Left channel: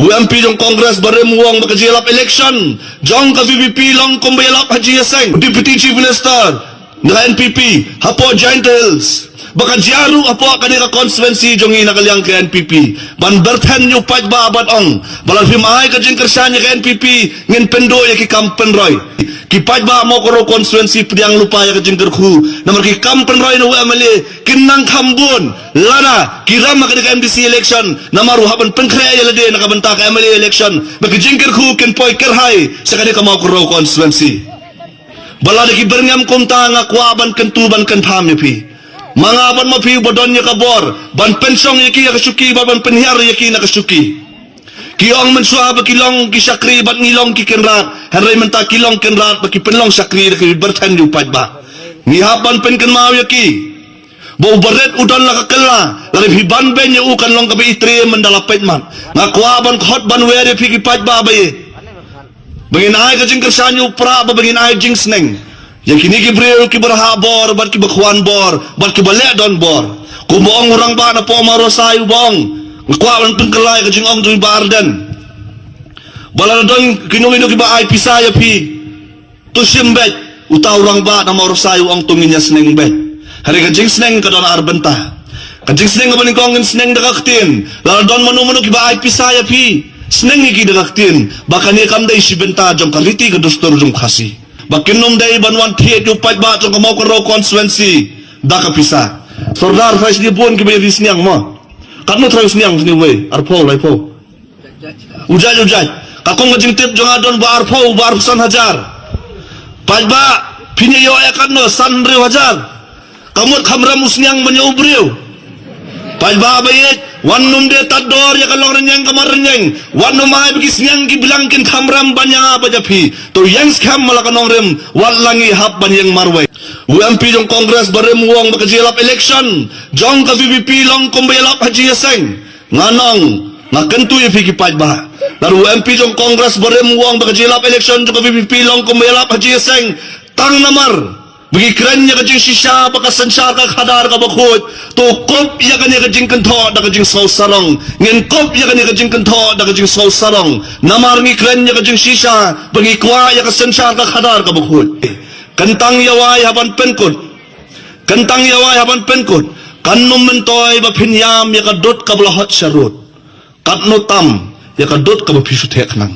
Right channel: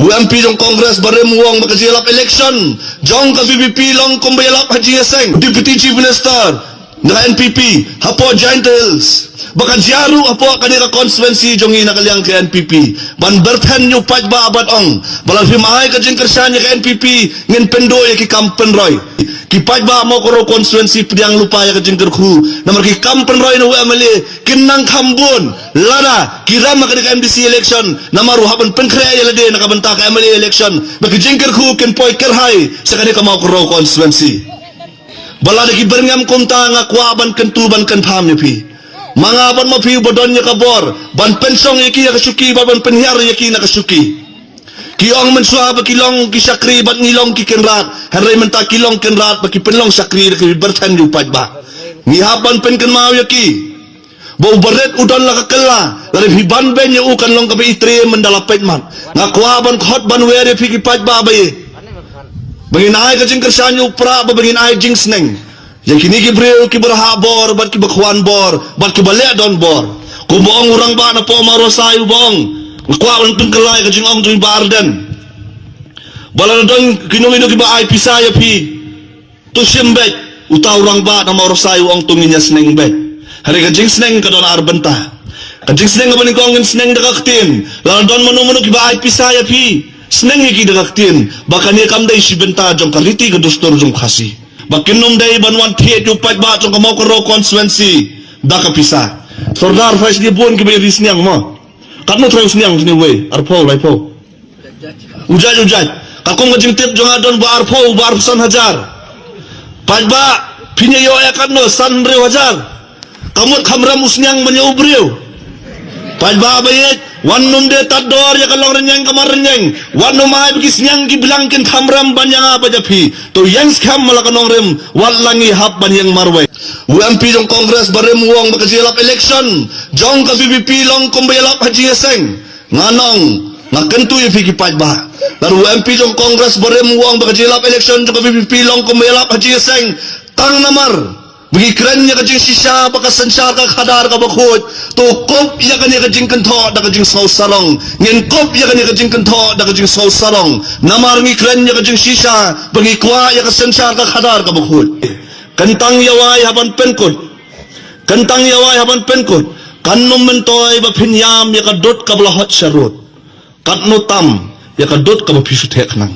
UMP jong Kongres barem wong bakajelap election. Jong ka VVP long kumbayalap Haji Yaseng, Deputy Chief Minister na NPP, hapo Gentles. Baka jaru apo kanira constituency jong inakalyang ke NPP. Ban berthen yu paj ba abad ong. Balang himahay ka jing kersanya ke NPP ngin pendoy ki kampen roy. Ki paj ba mo koro constituency pediang lupa ya ka jing kerku. Namar ki kampen roy na UMLA kinang kambun. Lana kiram ka di NBC election. Namaru haban penkrea ya lade nakabenta ka MLA election. Baki jing kerku kin poy kerhay sa kanira ka mo koro constituency. Balada ki berngam kumta nga kwaban kentuban kentam pi. Mangaban mapi bodon nya kabor ban pensong yaki nakasuki ban penhiar yaki nakasuki kiong mensua ba kilong kisakri ban ngilong kikenrat haray menta kilong kenrat ba kipenlong sakri ki bertan yupat ba ni haban pen ken mau yaki bau beret udan la kakela lalim hiban ben yu kan long kabe itre mendalapet man ngakwa ban khot ban were pi kipat ba ba bangin ay ka jing kersanyo pra ba bangin ay jing sneng yang kini kibril kiberha bor bat kibakhwan bor bat kibalek don bor ku boong urang ba na po marosay bong kwa lang pengkelay ka jing ong tuwi barden bala na don kinulino kiba ay pisaya pi tu simbet uta urang ba na marosay ong tunginya sneng bet hari ka jing sneng ka don arbenta ka jing sneng ka balikongin sneng dakaktin lala don manumuno kiba ay pisaya pi sneng iki dakaktin baka niya kanday si benta jong kariti ka dostor jong kasi bakinom day banwan tiye kupat ba jong kamau karo constituency daka pisa sordar fais di buon kiba di sniang mo katno try sniang ni we arpo lai po ujat kakong ngajing tip jong adon ba arpo ba arsan hajar pajba pinyo akan no sanre hajar kamut kamra musniang banyo ubriu pajba bayek wanum de tador ya kalong renyang kamar renyang wanum ay bigis nyang gibilangkin kamram banyang abajapi to yang skam malakanong rem walangi hap banyang marwe UMP jong Kongres barem wong bakajelap election jong ka VVP long kumbayalap Haji Yaseng nganong ngakentu ipigi pajba lalu UMP jong Kongres barem wong bakajelap election jong ka VVP long kumbayalap Haji Yaseng tang namar bagi kerennya kajing sisa baka sensar ka khadar ka bakut to kop ya kanya kajing kentho da kajing sau sarong ngin kop ya kanya kajing kentho da kajing sau sarong namar ni kerennya kajing sisa bagi kwa ya ka sensar ka khadar ka bakut kentang yawai haban penkut kanum mentoy ba phinyam ya ka dot ka blahot sarut katno tam ya ka dot ka ba phisu thek nang